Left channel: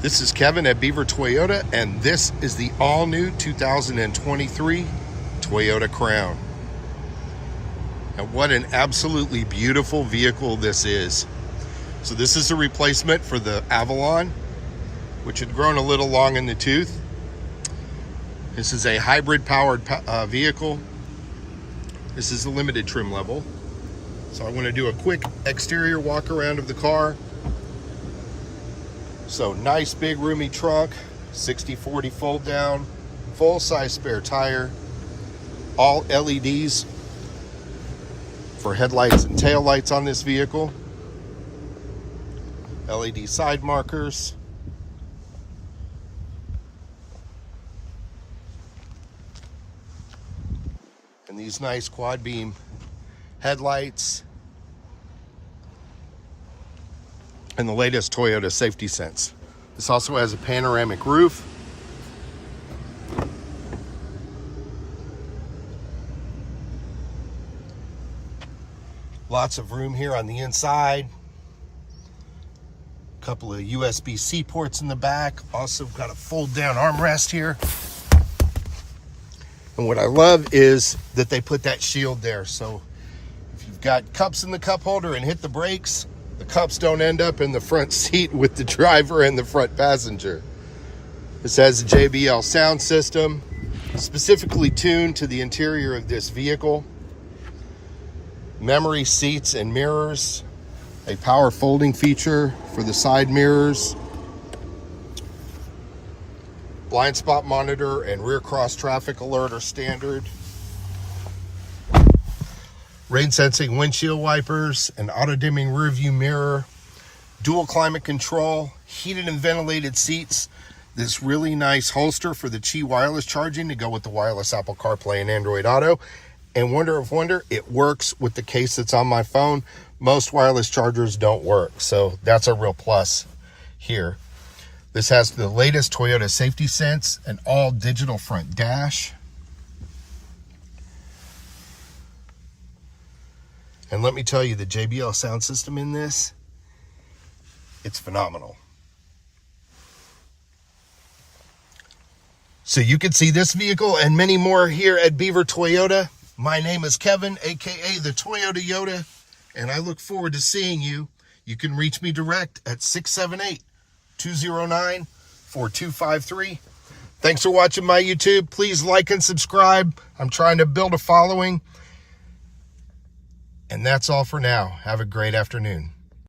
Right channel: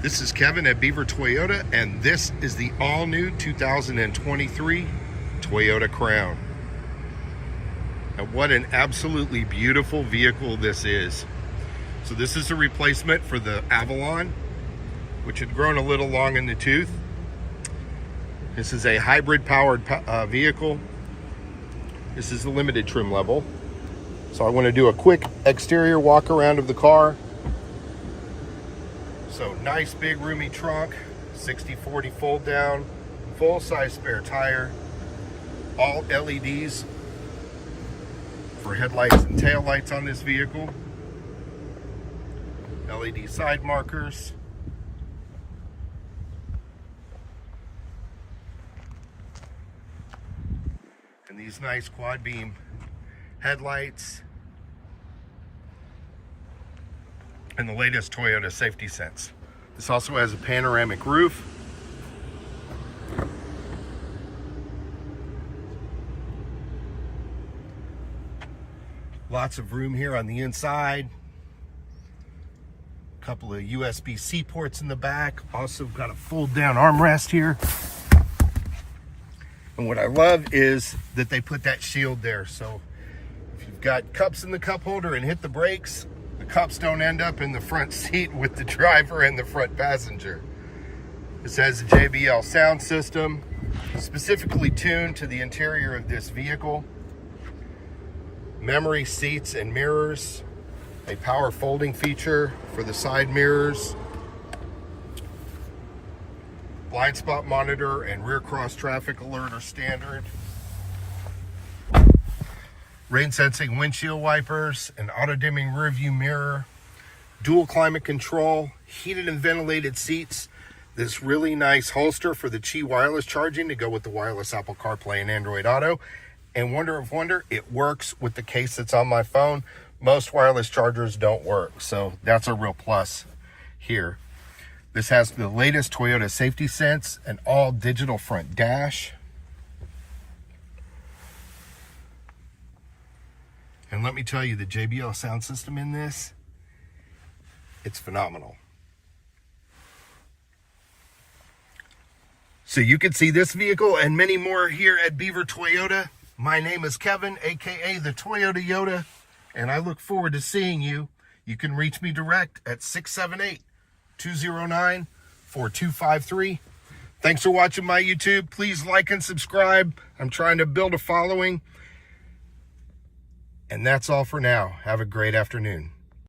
This is Kevin at Beaver Toyota, and this is the all-new 2023 Toyota Crown. And what an absolutely beautiful vehicle this is. So this is a replacement for the Avalon, which had grown a little long in the tooth. This is a hybrid powered vehicle. This is the limited trim level. So I want to do a quick exterior walk around of the car. So nice big roomy trunk, 60/40 fold down, full size spare tire, all LEDs for headlights and tail lights on this vehicle, LED side markers, and these nice quad beam headlights, and the latest Toyota safety sense. This also has a panoramic roof. Lots of room here on the inside. A couple of USB-C ports in the back. Also got a fold down armrest here. And what I love is that they put that shield there. So if you've got cups in the cup holder and hit the brakes, the cups don't end up in the front seat with the driver and the front passenger. This has a JBL sound system, specifically tuned to the interior of this vehicle. Memory seats and mirrors, a power folding feature for the side mirrors, blind spot monitor and rear cross traffic alert are standard. Rain sensing windshield wipers, an auto dimming rear view mirror, dual climate control, heated and ventilated seats, this really nice holster for the Qi wireless charging to go with the wireless Apple CarPlay and Android Auto. And wonder of wonder, it works with the case that's on my phone. Most wireless chargers don't work, so that's a real plus here. This has the latest Toyota safety sense, an all digital front dash. And let me tell you, the JBL sound system in this, it's phenomenal. So you can see this vehicle and many more here at Beaver Toyota. My name is Kevin, aka the Toyota Yoda, and I look forward to seeing you. You can reach me direct at 678-209-4253. Thanks for watching my YouTube. Please like and subscribe. I'm trying to build a following. And that's all for now. Have a great afternoon.